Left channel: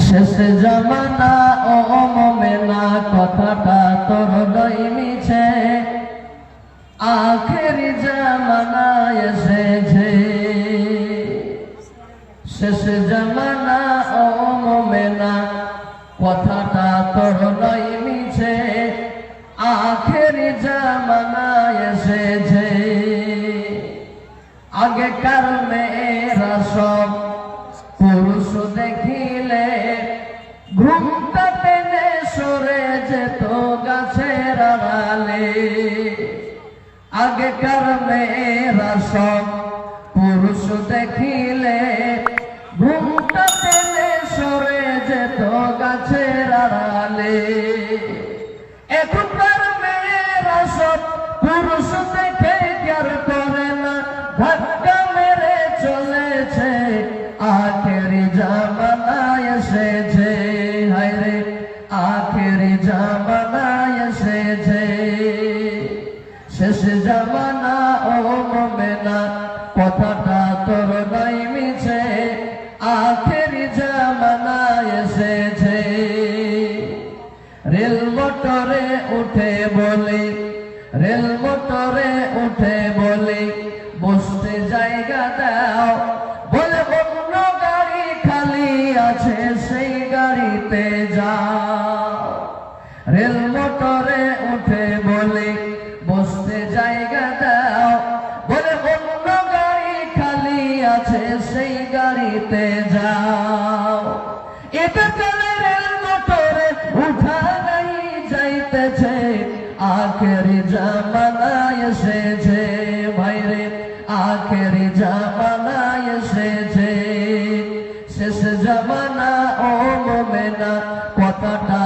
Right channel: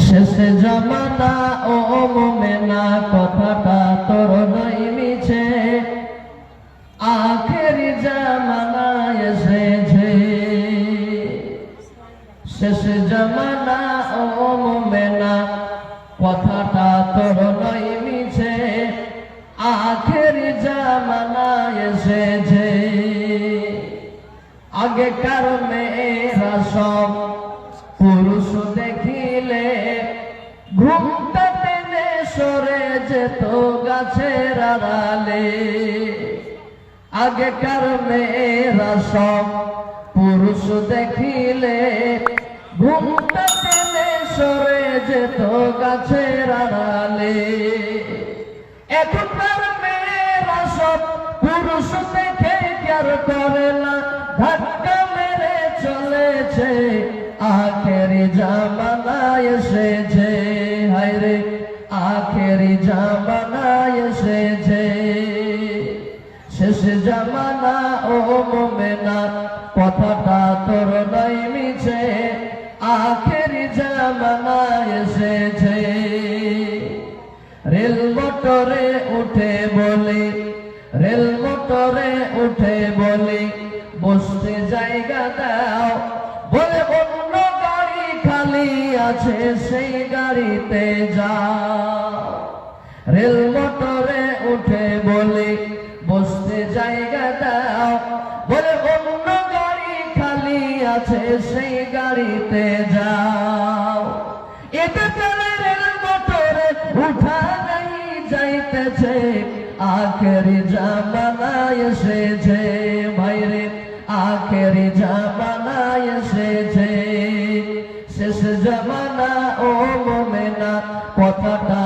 শেষ জামানা ও মোমেনা কথাটা তোর নই মিছে। আখেরি জামানা এসেছে। শেষ জামানা ও মোমেনা কথাটা তোর নই মিছে। আখেরি জামানা এসেছে। আগেকার মেয়েরা আগেকার মেয়েরা সব পুরুষ দেখিলে? ঘুমটা সরে যেত গাছের আড়ালে। এখনকার মেয়েরা সব পুরুষ দেখে কেয়ার করে না। ধাক্কা মেরে চলেছে, আখেরি জামানা এসেছে। হায়রে, আখেরি জামানা শেষ জামানা, ও মোমেনা, কথাটা তোর নাই মিছে, আখেরি জামানা এসেছে। রেল মোটরে উঠে বলি, রেল মোটরে উঠে বলি, বসতে জায়গা দাও। বলে, অন্য গাড়ি খালি আছে, সেই গাড়িতে যাও। রেল মোটরে উঠে গাড়িতে যাও। এটা চলে রেল মোটরে উঠা নাই, যাইতেছে। আখেরি জামানা এসেছে, ভাইরে, আখেরি জামানা এসেছে। শেষ জামানা, ও মোমেনা, কথাটা